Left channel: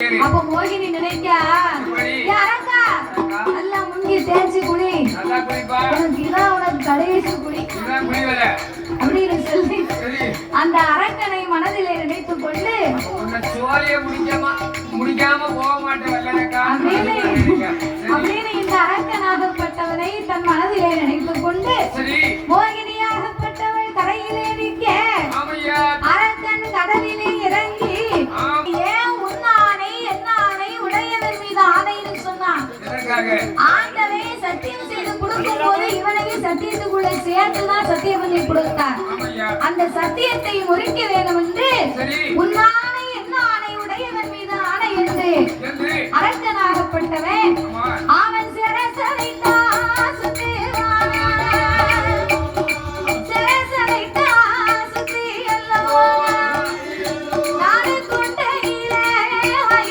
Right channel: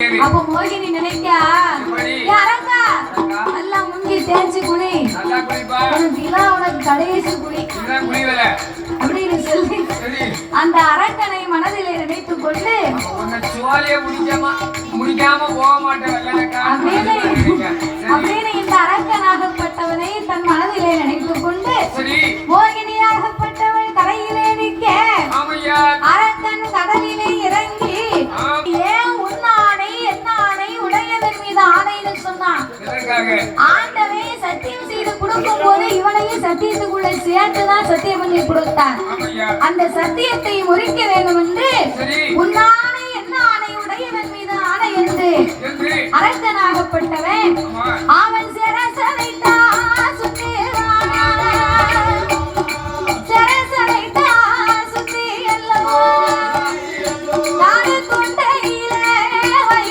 அப்ப மோகினி நினைக்க யாரக்கா நல்லா முங்கி தேய்ச்சி குடி இதான் உனக்கு கடைசி குடி அப்படின்னு சொல்லி அந்த அரக்கனை மனதிலே நினைத்துக் கொண்டு அப்படின்னு இந்த அரக்கனாகப்பட்டவனை தன் மனதிலே நினைத்துக் கொண்டு மோகினியாகப்பட்டவள் கரையிலே நிற்க அரக்கன் கடலிலே இறங்கி ஆண்டவே சத்தியம் செய்து கொடுக்கும் போது இவனையும் சத்தியத்துக்குள்ள சேர்த்துதான் சத்தியம் பண்ணி கொடுத்தான். அந்த சத்தியத்தை முறிக்க வேண்டும் என்று உன்னானை என்ன ஆணை உடையவன் மீது ஆணை என்று அரசனாகப்பட்டவன்